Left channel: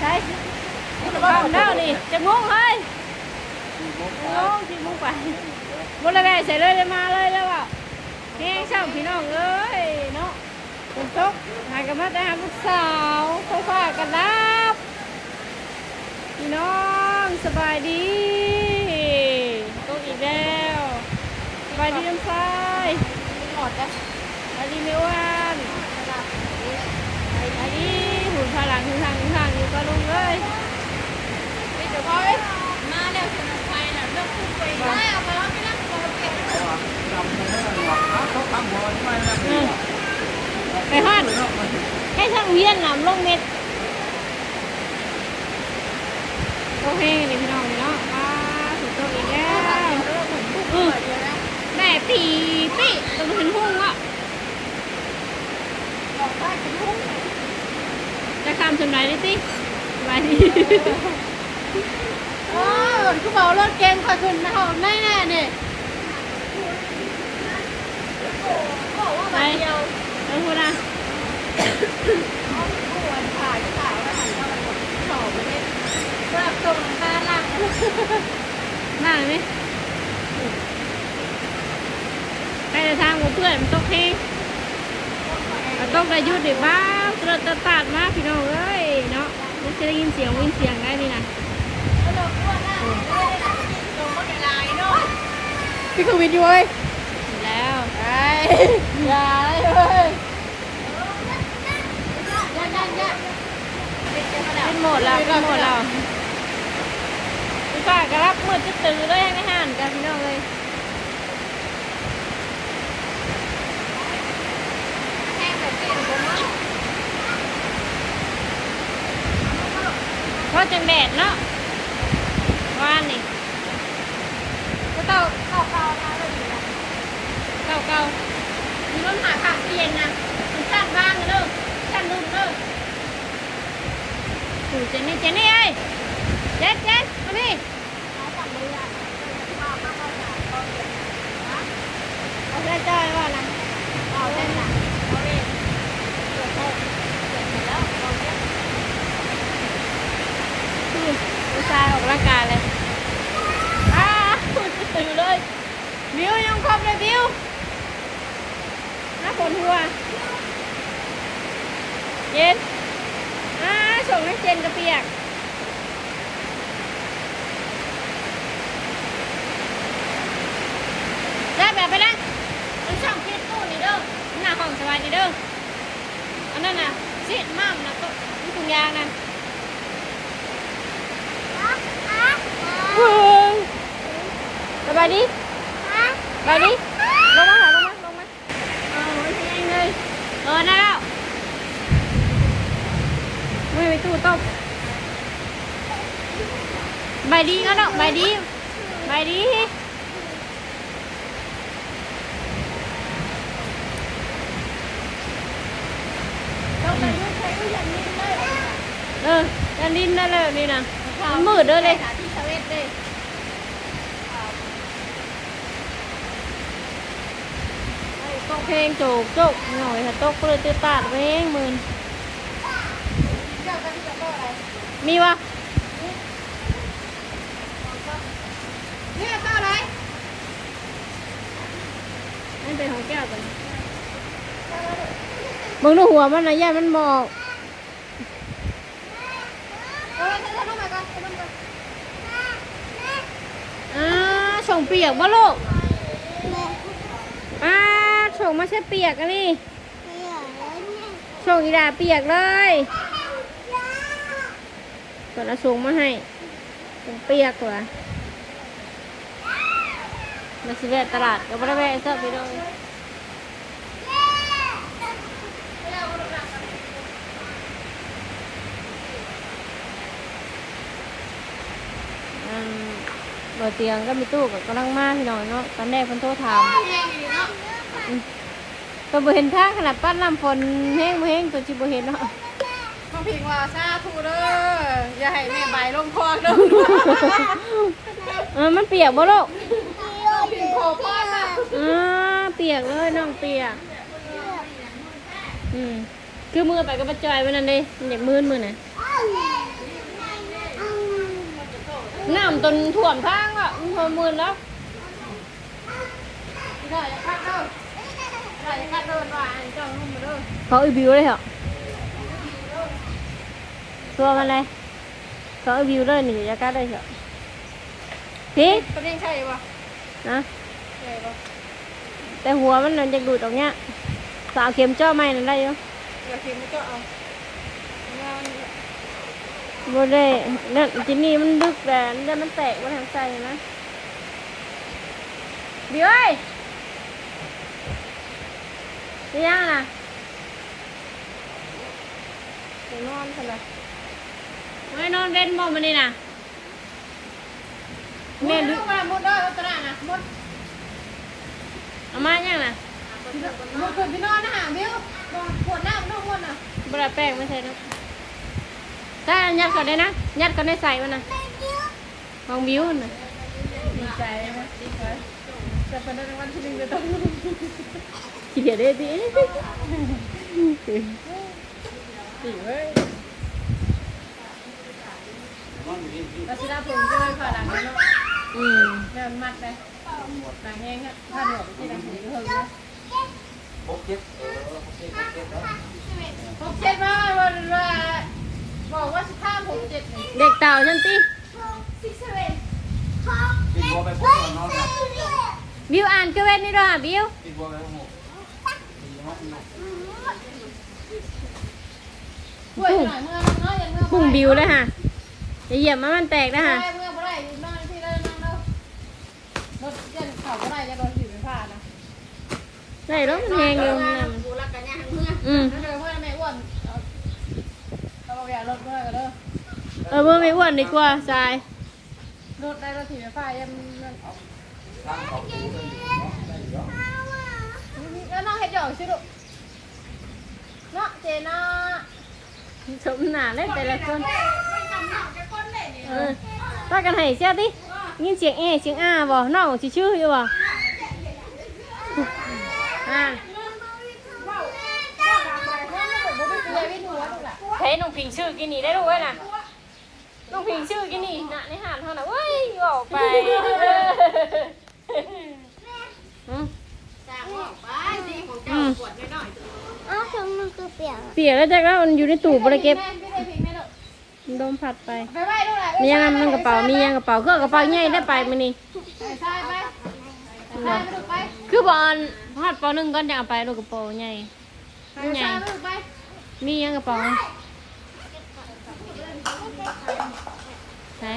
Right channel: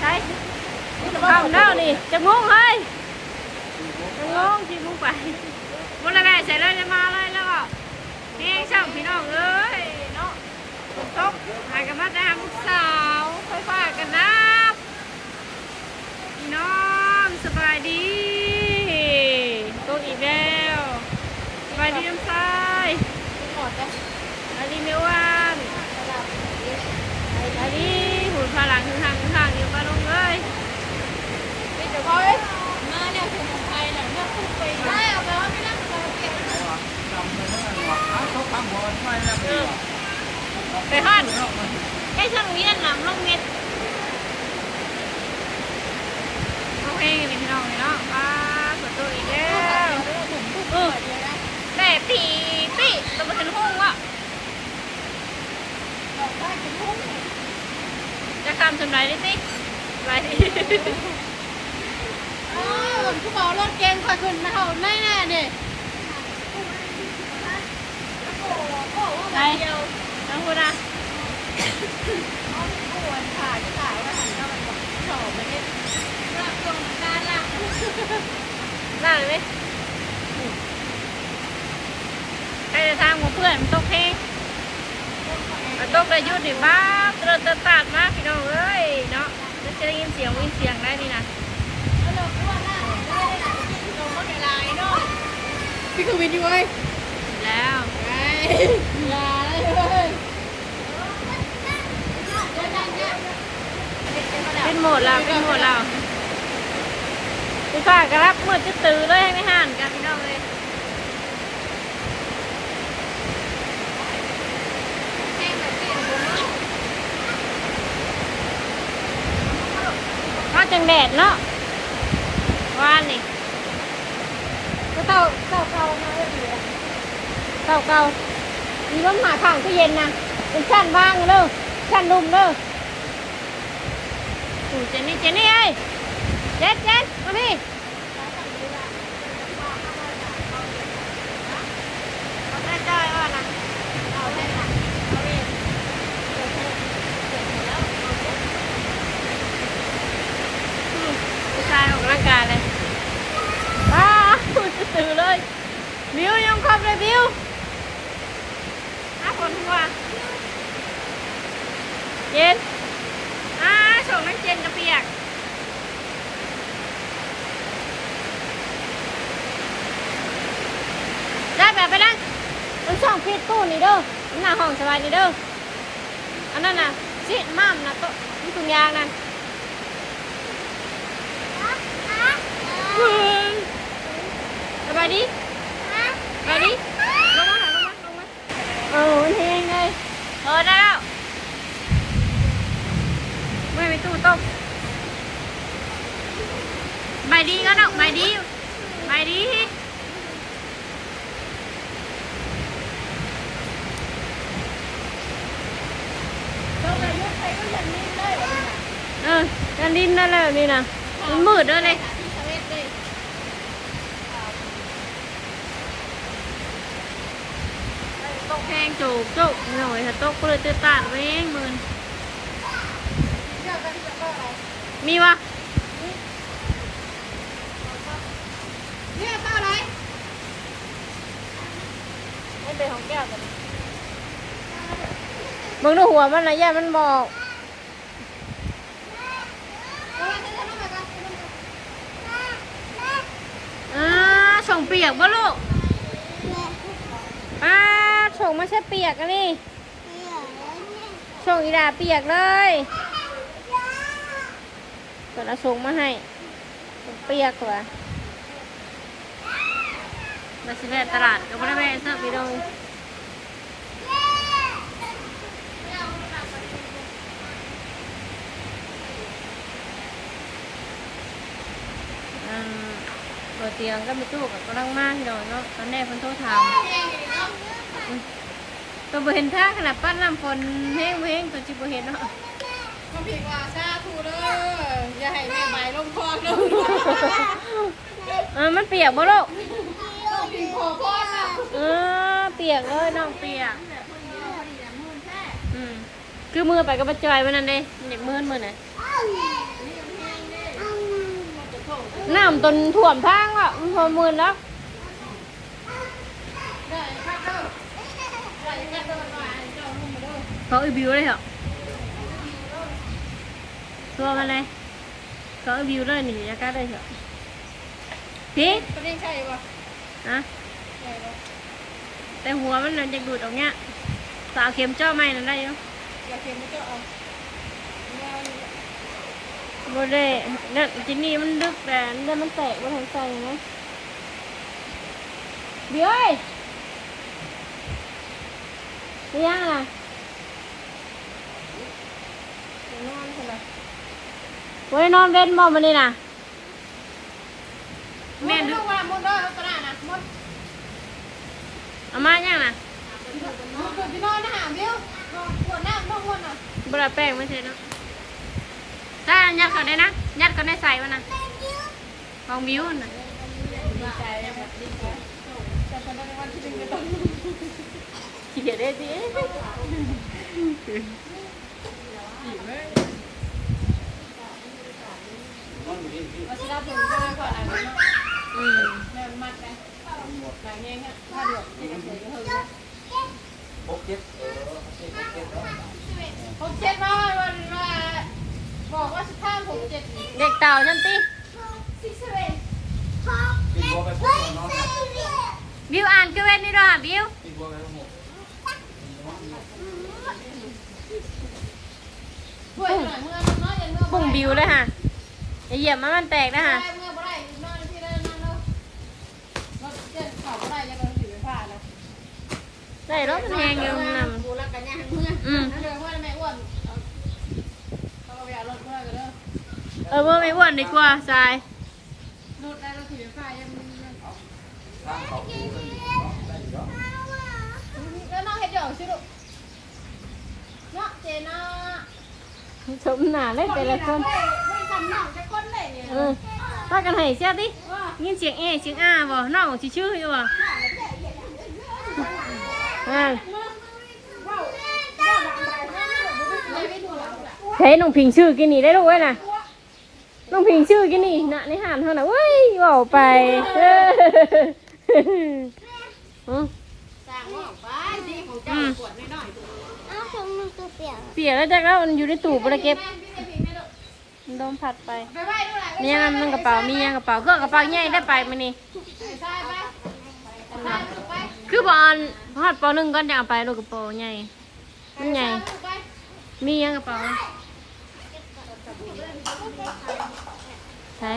ใช่ทำแล้วนี่จะงงเฮ้ยงงที่มุกไปบนอะไรใส่เลยมาเลยแล้วอ่ะแห้งช่างพี่น้องเอ้ยเนาะคุณจกหายกันมาแต่หาลูกสาวค่อยๆกันรับพี่น้องสบายดีตัวอีกแล้วสบายดีน้ำทรายหมดเลยอันนี้ไม่ว่างอันนี้หุ่นพลังถึงทางอยู่ปะลุงเอ้ยไม่เดี๋ยวพ่อเลยมาเนี่ยคือของใครน่ะเลือกคู่ไปได้เอาไปว่าไม่นั่งรอเก็บไปห้อนแค่ช่างเวียนน้ำลงเม็ดโอเคนี่พี่น้องเนาะมาตัวอีกแล้วแม่ตีต้องมาถึงห้องวะจะข้ามชนไหนดิสิไปคือบอกรถเกมคอยขึ้นมาเขาไม่แน่เนี่ยไปแล้วคุณนะถ่ายแล้วหันเข้าไปบอกชอบมันเนี่ยรับตรงตาลังนั่งไหมไอ้ทางของเพื่อนมันตกแห้งมันตกได้ยุดดิบ้าเติร์ดตัดมาพี่น้องเอ้ยเนาะจะได้ยินเสียงได้นี่นะพี่คือวินอยู่เว้ยแล้วไอ้อย่าเลยเป็นโหมดเราพี่ฝากกระรับมืดจะตื่นเลยให้ไม่ห่านกันพี่น้องเลยก็จังแดดเนาะวานนี่ก็เก่ามีร้อนหาถังที่เย็นนะเป็นชั้นว่างเลยชั้นลุ่มเลยถูเจนนี่เอ้ยเจ็ดมาพี่เอาแม่จ้อยว่านะเอาแม่น่ะเอาเรียนเกิดแล้วผู้ชายออกร่างกายเลยจะตื่นเลยบิวยังครบเลยบิวคนหัวเย็นส่งให้เจนกระเปียกได้แบบไปนั่งมันช่องคิดตู้นี่เด้อหน้าห้องสบายนี่เด้ออันนั้นน่ะชิดม่ามนะก็มีถุงยางนั่นสบายดีลงมาโอ้ยยังไงได้แล้วไม่ไปตู้ต้มใบดีก็เนาะใบดียันดินได้เลยนี่นะมันมืดเลยเพลงโจกหน่อยถ้าตกเลยจะตัดเว้งมืนมีวะเนี่ยเท่าไรนี่เป็นของแก้วกันมึงดูหัวมันนะย่ามันหมอกส่งเปียกบ่ลูกส่งมาใช่เปียกกันนี่ส่งอีดาเปียกเลยก่อนเราส่งมาให้เปียกกว่ามาสิแวะตลาดก็ไม่ได้แวะสักพี่น้องบนเตียงก็มีตู้กับกำลังมาพี่น้องเนาะตอนแรกคนโทรถามตัวบ่เห็นท่าขนาดปั้นน้ำฝนแห้งตัวจิบ่เห็นเนาะมาพิงว่าซาทูเด้ออย่าให้แม่ใบลงคอเด้อมันเปียกบ่ลูกเปียกเลยน้องเปียก คือมือไปกับป้าจอยมันนั่นดิมันอยากมือไหนน้ำต้นถ่วมทางอ่ะมันพอมือแล้วเขาอีบิวเลยเหรอตัวมันเลยเขาอีบิวเลยนี่จะกัดได้เหรอพี่ประเด็นใช่ปะนะใช่ปะแต่หัวมันจะดูดออกเนี้ยสาวเข็มเจาะไม่นั่นได้ยังอย่าเข็มไม่เจาะเอาโบเล่เนี่ยจินี่มันดึกแต่เนี่ยมันแตกมาทางใจนะเดี๋ยวนี่ยังน่ะนอนใช่ไหมโอ้ยนอนเว้นบ่มันนี่น่ะแม่ดึกเอามายังน่ะคุณไปนอนนะหาบิวปวดหน้าต้องวนอ่ะบลาแป้งไม่ใช่เนาะถ้ายัดก่อนได้นะยัดก่อนได้ใส่มันนะของบิวน่ะดีใจดีใจแต่ตอนนั้นมันดึงกระตุ้นขี้เกียจได้ดิดีเว้ยเราจะรับผมก่อนนะแม่มัดไปหนังแห้งอ่ะถ้าเดือดที่เราใส่ก็เท่านี้พกเจ็ดเนาะพกเจ็ดมาบอกว่าสิบห้าผมเจ็ดเด็กเต่าฉันติบิวอ่านก็เว้นนี่ด้วยบิวพุ่งบิวเลยฮะจะเหยียบมันแตกนะฮะใช่รถแหงอยู่นั่นเมื่อไม่อ้วนดีกว่าทรายรถได้รถถีบไฟยังแล้วน้องเห็ดหยอกสิลูกเนาะเจน่าสมหนาเลยแต่ละคนป้ากันให้เสียดิยินเสียงเสียงบ่น้องชื่ออยู่บ่เฮ้ยน้องพิงชื่อกินนี่ได้ลูกไว้น่ะน้องพิงชื่อกินนี่น่ะในหานเท่าน่ะเว้ยบอกไปเปียกแล้วจากแล้วมันอยู่ในตู้บริเก็บโดนผัดไปมียังมันกระเป๋ามียังกระเป๋าเครื่องกระเป๋าใหญ่ได้ไปมันนี่คือบอลพอดปอนึงก็จะเอาไปลูกกระเป๋าใหญ่มันใหญ่มียังกระเป๋าใช่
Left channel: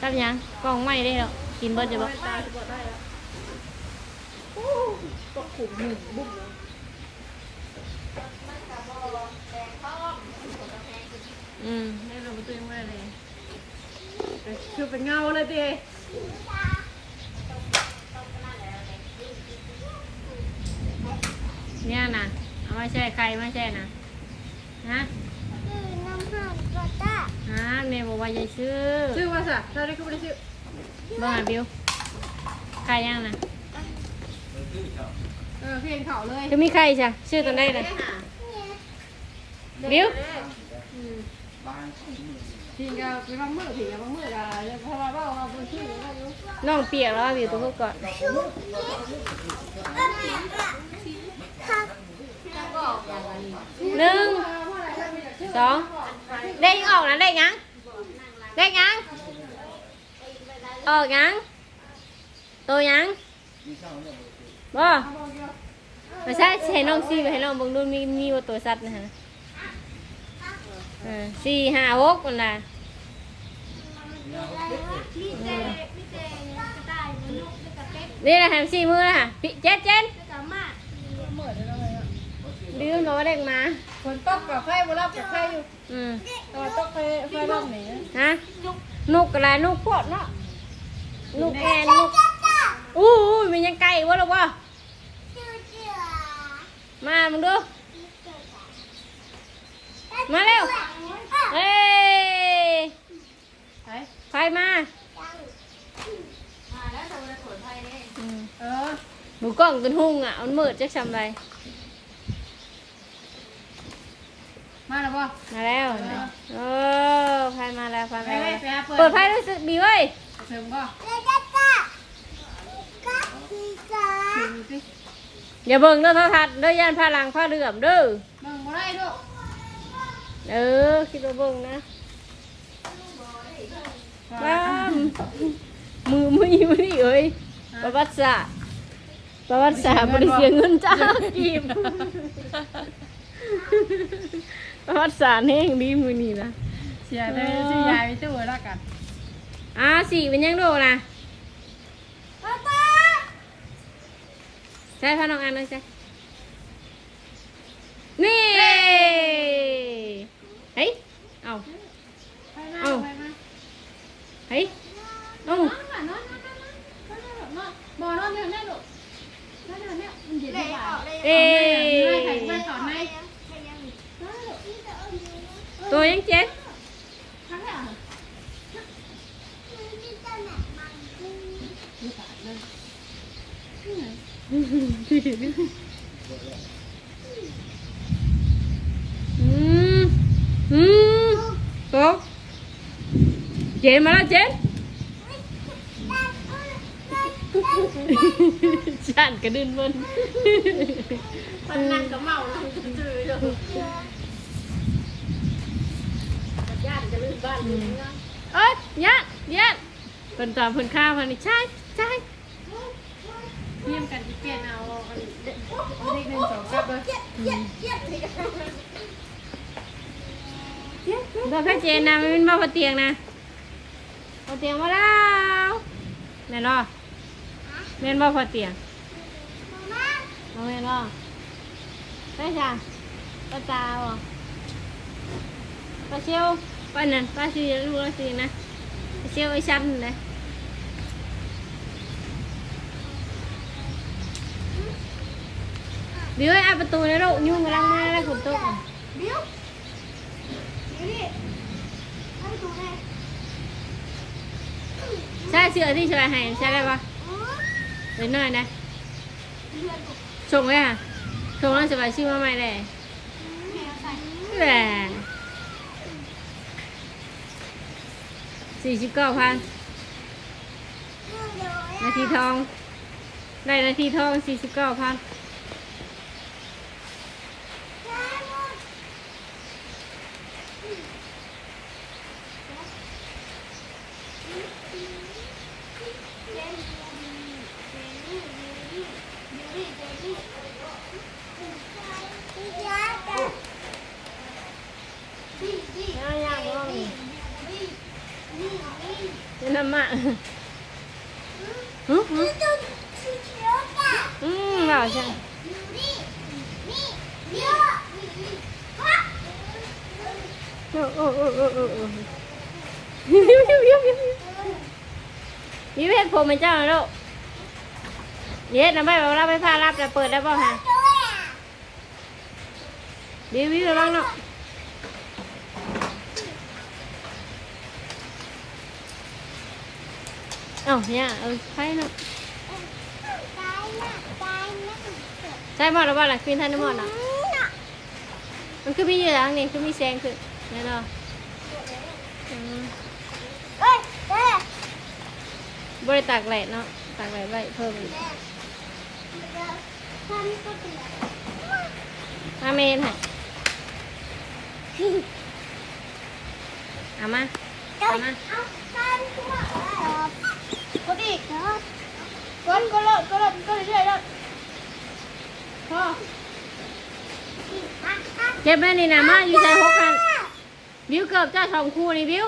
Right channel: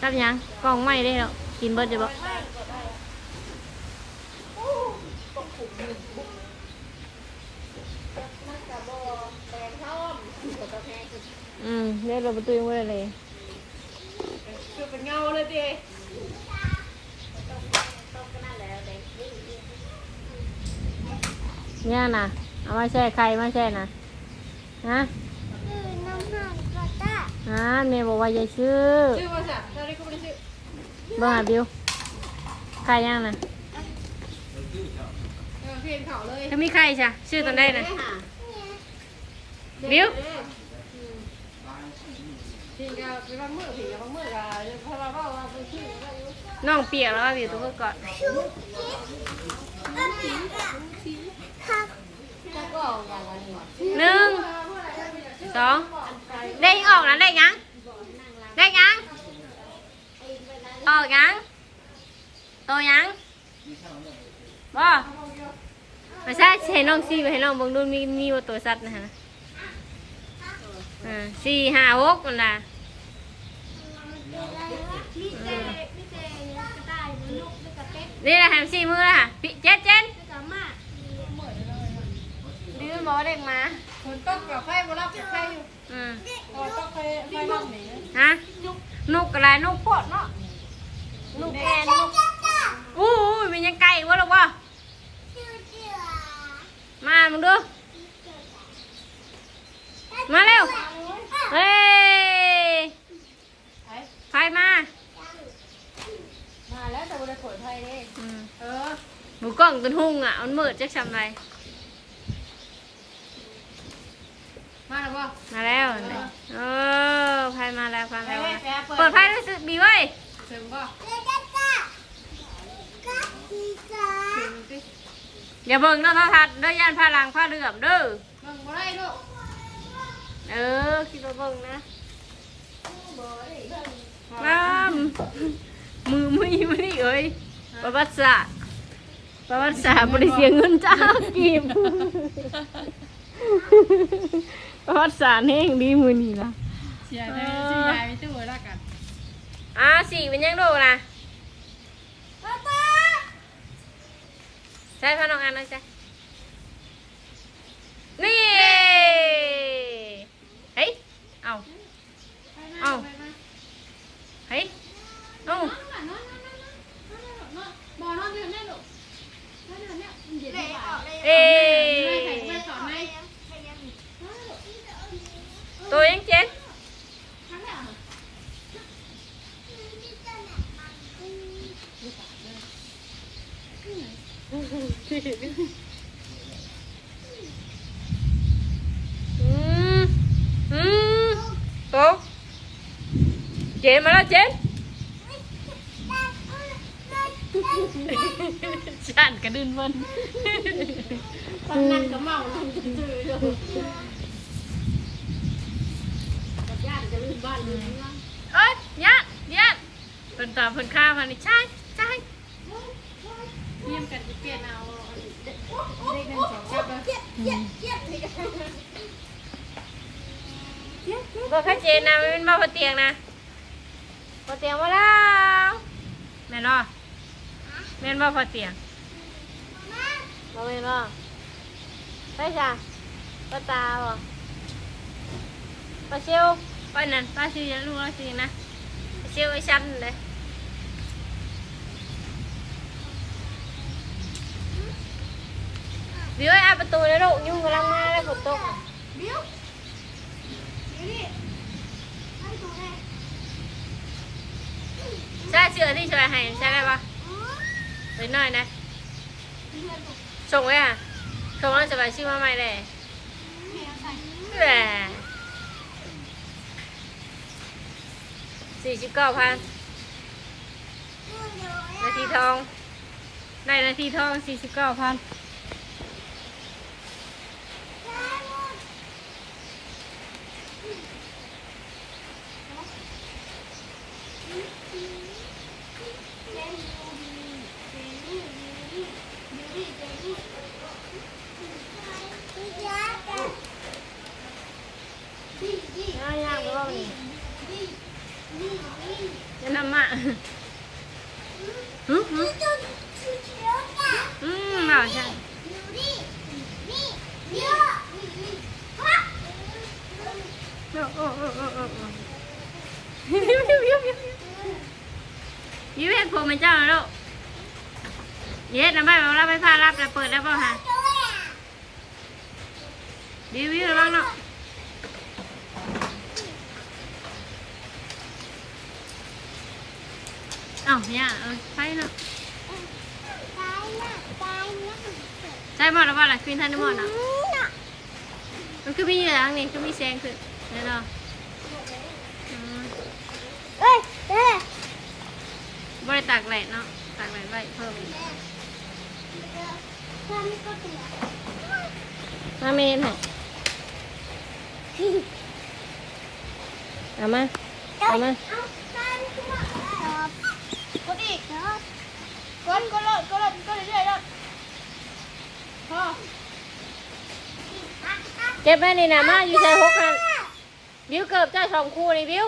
ตับยังกล่องไม่ได้หรอกกินเบิร์ดจะบอกเนี่ยเราไปตุ้ยมือเลยคือเป็นเงาเลยดิเนี่ยนะเอามาแช่ใครมาแช่นะฮะน้ำห่านก็ได้เมย์บอกว่าอย่าชื่อว่าสิเราได้ก็ไม่ได้ชื่อบ้าบิวใครยังนะเพียงเขาเลยจะมีใครจ้ะชื่อตอนได้นะบิวน้องเปียกแล้วบิวตัวก่อนหนึ่งสองเด้งออกนะเด้งยังเด้งยังออกยังตัวยังบ่ไม่ใช่ให้น้องซีไปให้น้องบังดูมีว่าตัวสัตว์นะฮะ4 5 6นั่นน่ะนี่แหละแฮมซี่มือค่ะเจ็ดดื้อมาว่าเด็กมาคนตกกับไฟบนรอบกับไฟอยู่ตัวตกไฟรอบนี้ฮะนุกอะไรนุกพวดเนาะนุกแอนนุกมันยังไก่วะลูกวะมามึงดูมาเร็วเฮ้ยไฟมาแล้วตัวจะสนไฟนี่ หมูกล้องตัวหุ่งอ่ะมันมืดจะทำไรมาแล้วบ่ มาแล้วเออพายมาแล้วพายมาแล้วเปิดพายด้วยสิบีไว้ เสริมก็ อย่าเบิ่งเด้อโทรทัศน์เด้อย่านผ้าหลังผ้าเหลื่อมเด้อ เบิ่งบ่ได้ลูก คิดว่าเบิ่งนะว้ามมือไม่อยู่นี่เอ้ยประวัติศาสตร์บริเสียเงินจ้ากีบประวัติศาสตร์แห้งดีมือนี่นะ เสียได้สิยายไปตู้แล้วกัน สี่เป็นยังโลนะใช่พ่อน้องอันเลยใช่นี่เฮ้ยเอาเฮ้ยเอาบ่นอนอยู่แน่ลูกเอ๊ตัวยังเจ็ดโตเจนมาแล้วเจนฉันกระดึนบนตอนนั้นก็เมาแล้วจะจืดเลยย่านจะลื่นบ้านลื่นเมืองย่านเป็นตาเป็นข้าวมันนี่ใช่เยี่ยมกันจะเปลี่ยนเอาเลข1 2กับบอกให้เจนนะมันมาบนเตียงนะบนเตียงมาแล้วแม่นอแม่นมาพอเตียงแม่นอไปจ้ะป้าตาบอกป้าเชียวป้านั่นป้าชีรู้แล้วสินะป้าเชียวไอ้ชั้นเลยบิวไอ้ประตูเลยลูกยุ่งกำลังมาเลยฝนตกบิวนี่ให้ดูไงใช่เสื้อที่ช่วยให้ใช่ไหมปะน้อยนะส่งไว้ค่ะส่งแล้วสบายชื่อมาใหม่เลยแหละ49,000นาทีทองได้นาทีทอง49,000น้ำมะน่าใช่ยิ้มเห็ดผมเป็นเจ้าลูกเย็ดนะไม่บอกเราไปพารับแต่เปิดแล้วป่ะฮะวิวระวังเนาะเนี่ยใช่เนาะใช่หมดหรือเปล่าล่ะควีนทันหมดเนาะมันคือมีอยู่แล้วนี่คือมีแสงคือเนี่ยเนาะบริตากแหลเนาะตากแหลไว้เพิ่มมาเมนให้เอามากดอีกกดเรื่อยๆแล้วพอ เก็บแม่นี่นะมาอยู่ใจหกกันบิวเกือบจะ2 คู่นี่บิว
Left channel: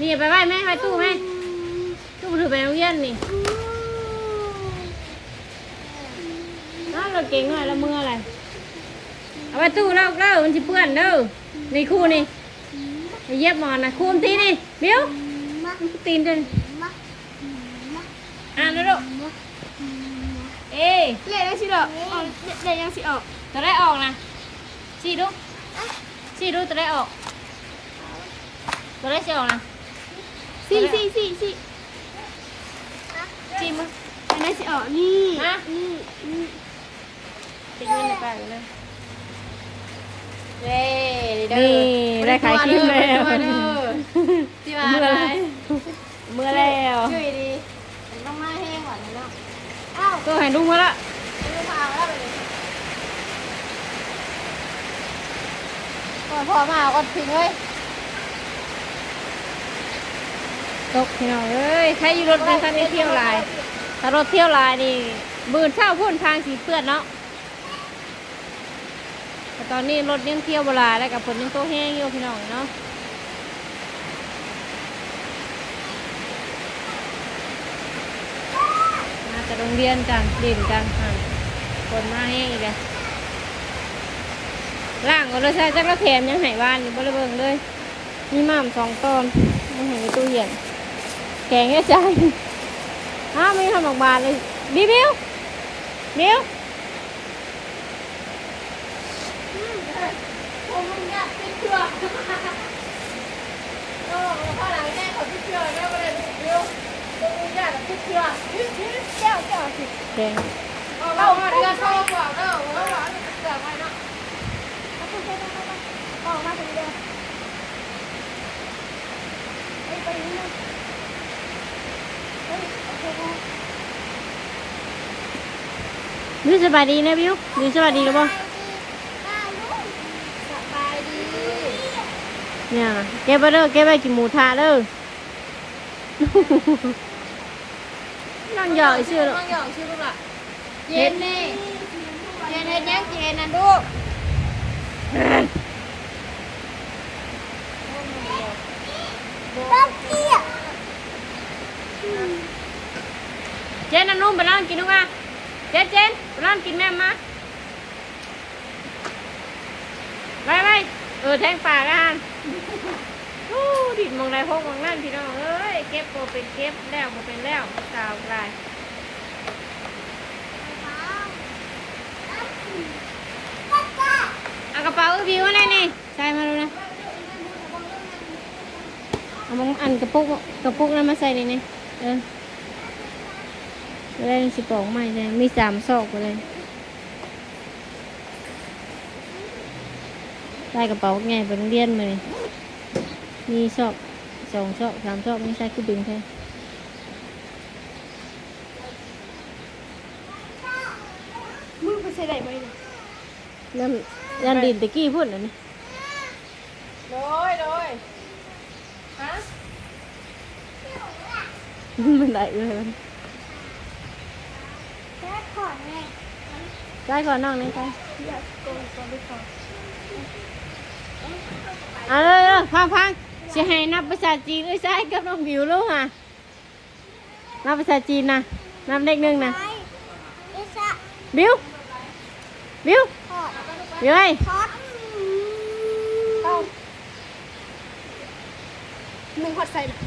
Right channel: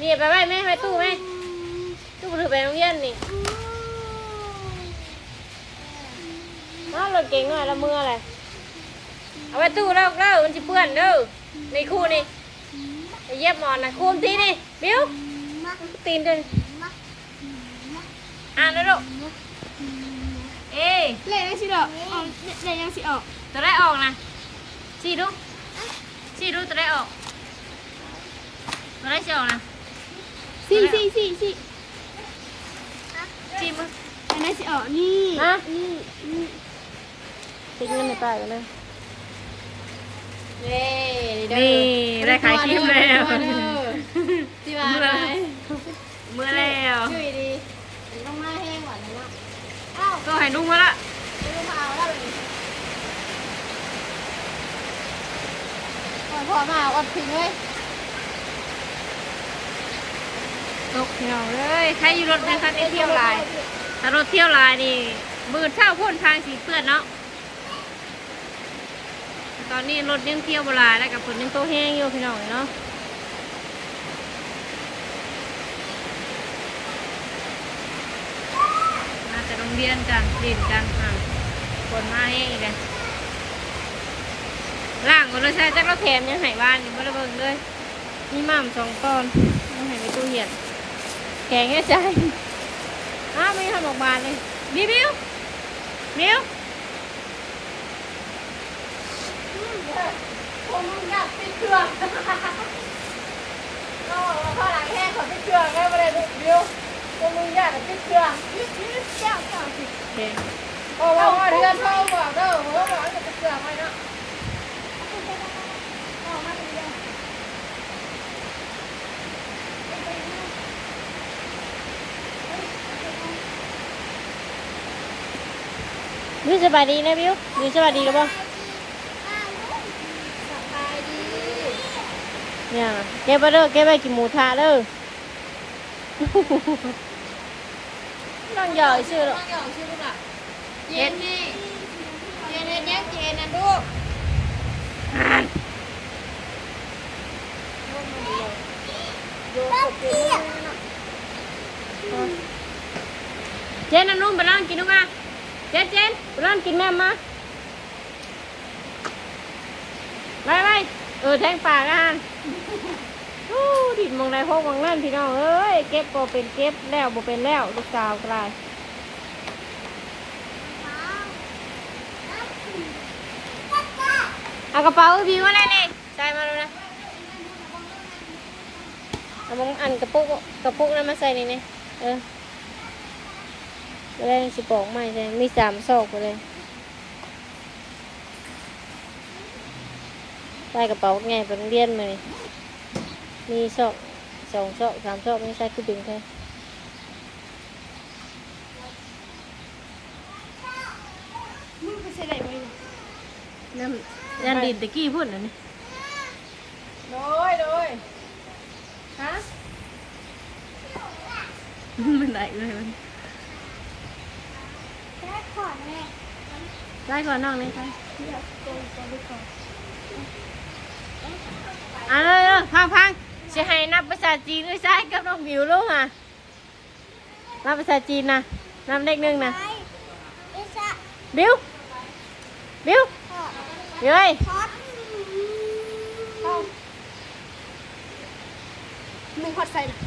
นี่ไปไว้แม่ไปตู้แม่ตู้ถือไปโรงเรียนนี่น้องเราเก่งเลยละมือเลยเอาไปตู้เล่ามันจะเปื้อนเด้อในคู่นี่เย็บหมอนนะคู่ทีนี่บิวตีนดึงเลยลูกเลขได้สิดอกเลขยังสิออกจะได้ออกนะชี้ดูจะได้ออกจะได้ออกนะสี่ชี้มึง ได้สิออกนี่ ฮะ นี่ ติ๊กเงินในป้ากันเลย เด้ นี่ได้ขายครีมแล้ว ที่มาอะไร เมื่อแล้ว ช่วยดีมันต้องมาแห้งกว่านี้เนาะอ้าว ก็ให้ลุงมาละ ลูกมาเอาแล้วเลยก่อนพอมาอดทิ้งเลย ตกเอ้ยใครอยู่รถในคันนี้เที่ยวลายถ้ารถเที่ยวลายนี่บืนเช่าพุ่นทางสีเปื้อนเนาะแต่ตอนนี้รถยังเที่ยวโบราณแล้วกับฝนยังโตแห้งอยู่พี่น้องเนาะมาแต่โรงเรียนกันดินกันฝนมาแห้งอีกแล้วล่างก็เลยใช้จักรเทียมยังหายบ้านอยู่บริเวณเลยมีหม่ำ2 ตอนยังหายในตู้เย็นแข็งแค่ใจมีขนมบานเลยบิวบิวบิว ผมมึงอยากติดเชือกก็พอหลังแห้งขอติดเชือกได้บ่ได้ลูกเดียวผมมึงอยากติดเชือกเจ้าสิ แข็ง เอามาเดือนเข้าก่อนเด้อเออเอาติดเชือกไปเนาะเอามาถึงเดือนไปนี่ นี่สบายดีนะบิวนี่สบายดีหรือเปล่า สบายดี เนี่ยเก็บไปเด้อเก็บไปกินหมูทะเด้อ นั่งหยอกชื่อ น้องหยอกชื่อลูกล่ะเย็นนี่เย็นเฮ็ดยังเย็นนะลูก เจนนุ่มไปนั่งกินดูมาเจนไปนั่งกินแม่มาไปแทงปากกันดิดมองได้พกมองนั่นพี่น้องเอ้ยเก็บบ่เป็นเก็บแล้วบ่เป็นแล้วลูกสาวกลายเอากระเป๋าบิวมาเลยนี่ใส่มาดูนะเอามันอันกระปุกนั้นมาใส่นี่ไม่ได้สิบองไม่ใช่มี3 ซอกเลยใส่กระเป๋าไงไปโรงเรียนเลยมีซอก2 ซอก3 ซอกไม่ใช่คือดึงใช่มึงไปใส่ได้บ่เนี่ย ยันดินตะกี้พูดนะนี่ เลยฮะ มันไหลเลยมัน แค่ขอแม่ ได้ก่อนน้องนี่ใช่ อยากโกงก่อนลูกก่อน เลยพังจะให้นับภาษาจีนใช่กับน้องบิวลูกนับภาษาจีนนะนับเลข 1นะ อิสระ บิว ขอด เฮ้ย ทอดเอามึงขอดใส่นะ 1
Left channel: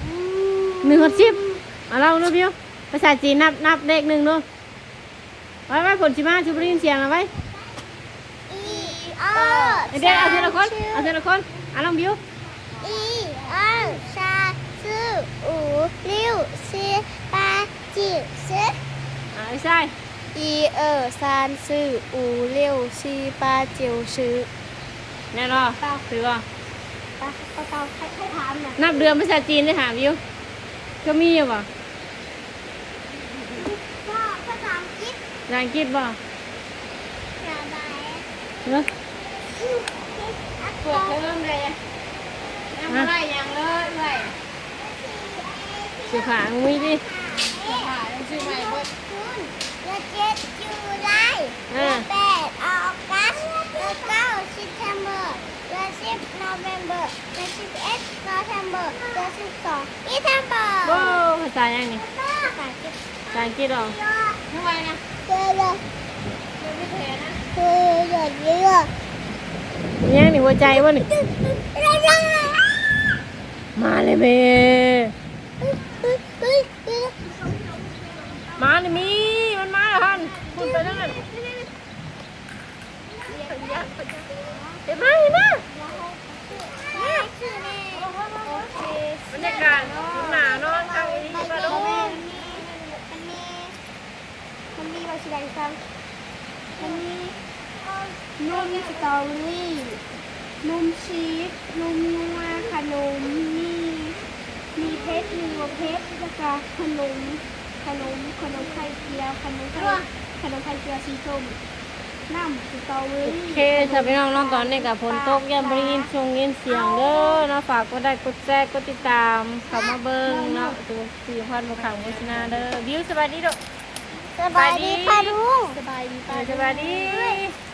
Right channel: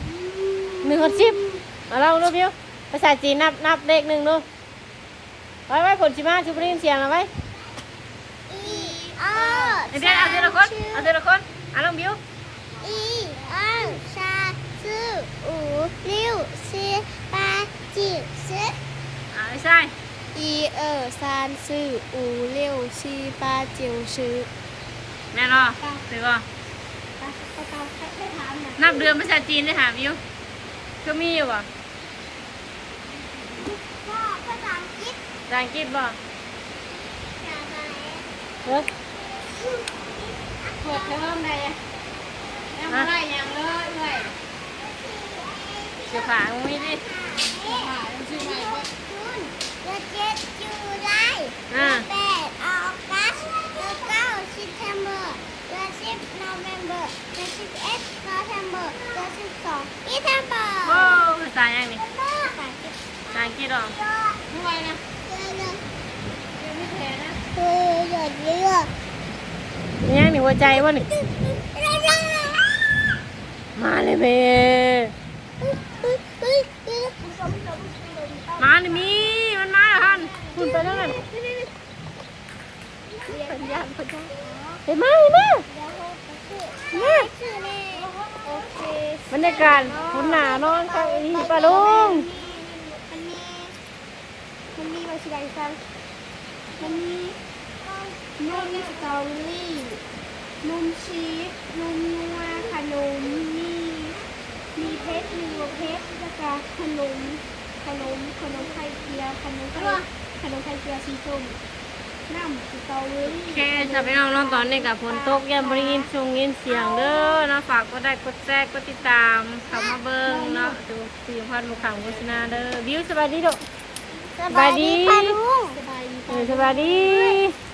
10เอาเราดูบิวภาษาจีนนับเลข 1ดูไว้ผลชิมาชุบเรียนเสียงเอาไว้ อี เดี๋ยวเอาทีละคนเอาน้องบิว อีสามสี่五六七八九十ใช่ 一二三四五六七八九十 แน่นอนถือว่า เตาให้ถามนะ นับเดือนภาษาจีนได้ถามบิวก็มีอยู่ป่ะ พ่อภาษาอังกฤษ ภาษาอังกฤษป่ะเนอะ ปวดเริ่มเลยยังไม่ได้ยังเลยเลย สิขามึงวิดิ ค่ะยังชื่อใหม่เบิดคุณเดือนเจ็ดจูไลเดือนแปดออกัสเดือนเก้าซิปเทมเบอร์เดือนสิบโนเวมเบอร์เดือน11โนเวมเบอร์เดือน12อีเทมเบอร์ โอ้ภาษาอย่างนี้ ภาษาอังกฤษ ภาษาอังกฤษหรอ ทำไมนะเจอเลย ไม่เห็นนะ เยอะเยอะ เนี่ยหนึ่งหัวใจวะหนึ่งมาเลยเมมาเลยมีมันมาแล้วท่านคุณไปแล้วกันเห็นไหมบรรยากาศคุณหนานอนข้างนี้ปลาลุง เราชิได้ซ้ำมันมีนมสตรอเบอรี่นมชีสนมนัวขนมมีเพชรมีวัวเพชรแล้วก็ขนมไข่เจียวขนมไข่เจียวสีส้มน้ำสตรอเบอรี่ โอเคถ้าพี่น้องน้องตอนนี้กับฝนตกยังบริยินยินเสียงเด้อเนาะฝากก็ได้กดแชร์กดติดตามเข้ามาเบิ่งเนาะดูสี่พันบุคคลโฆษณาเด้อวิวสวัสดีลูก สบายดีค่ะลุง สบายดี